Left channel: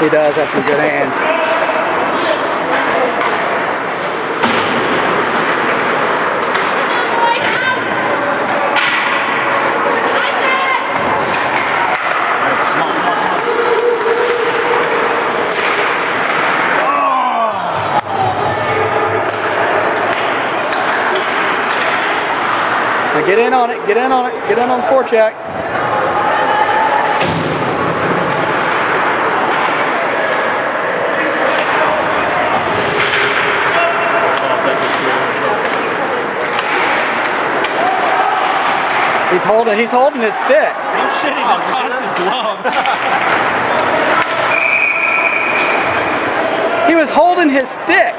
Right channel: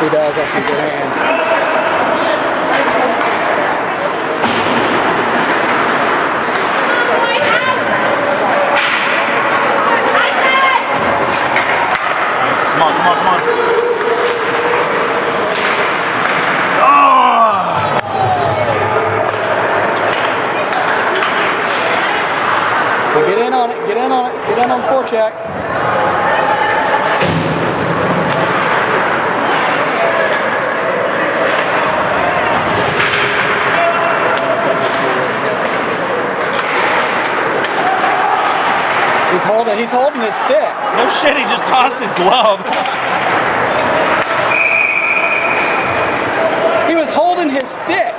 He does have some good hands. Get in on it, get in on it, get in on the forecheck. He's holding his stick. No shit, he just tossed his glove. He was holding his stick.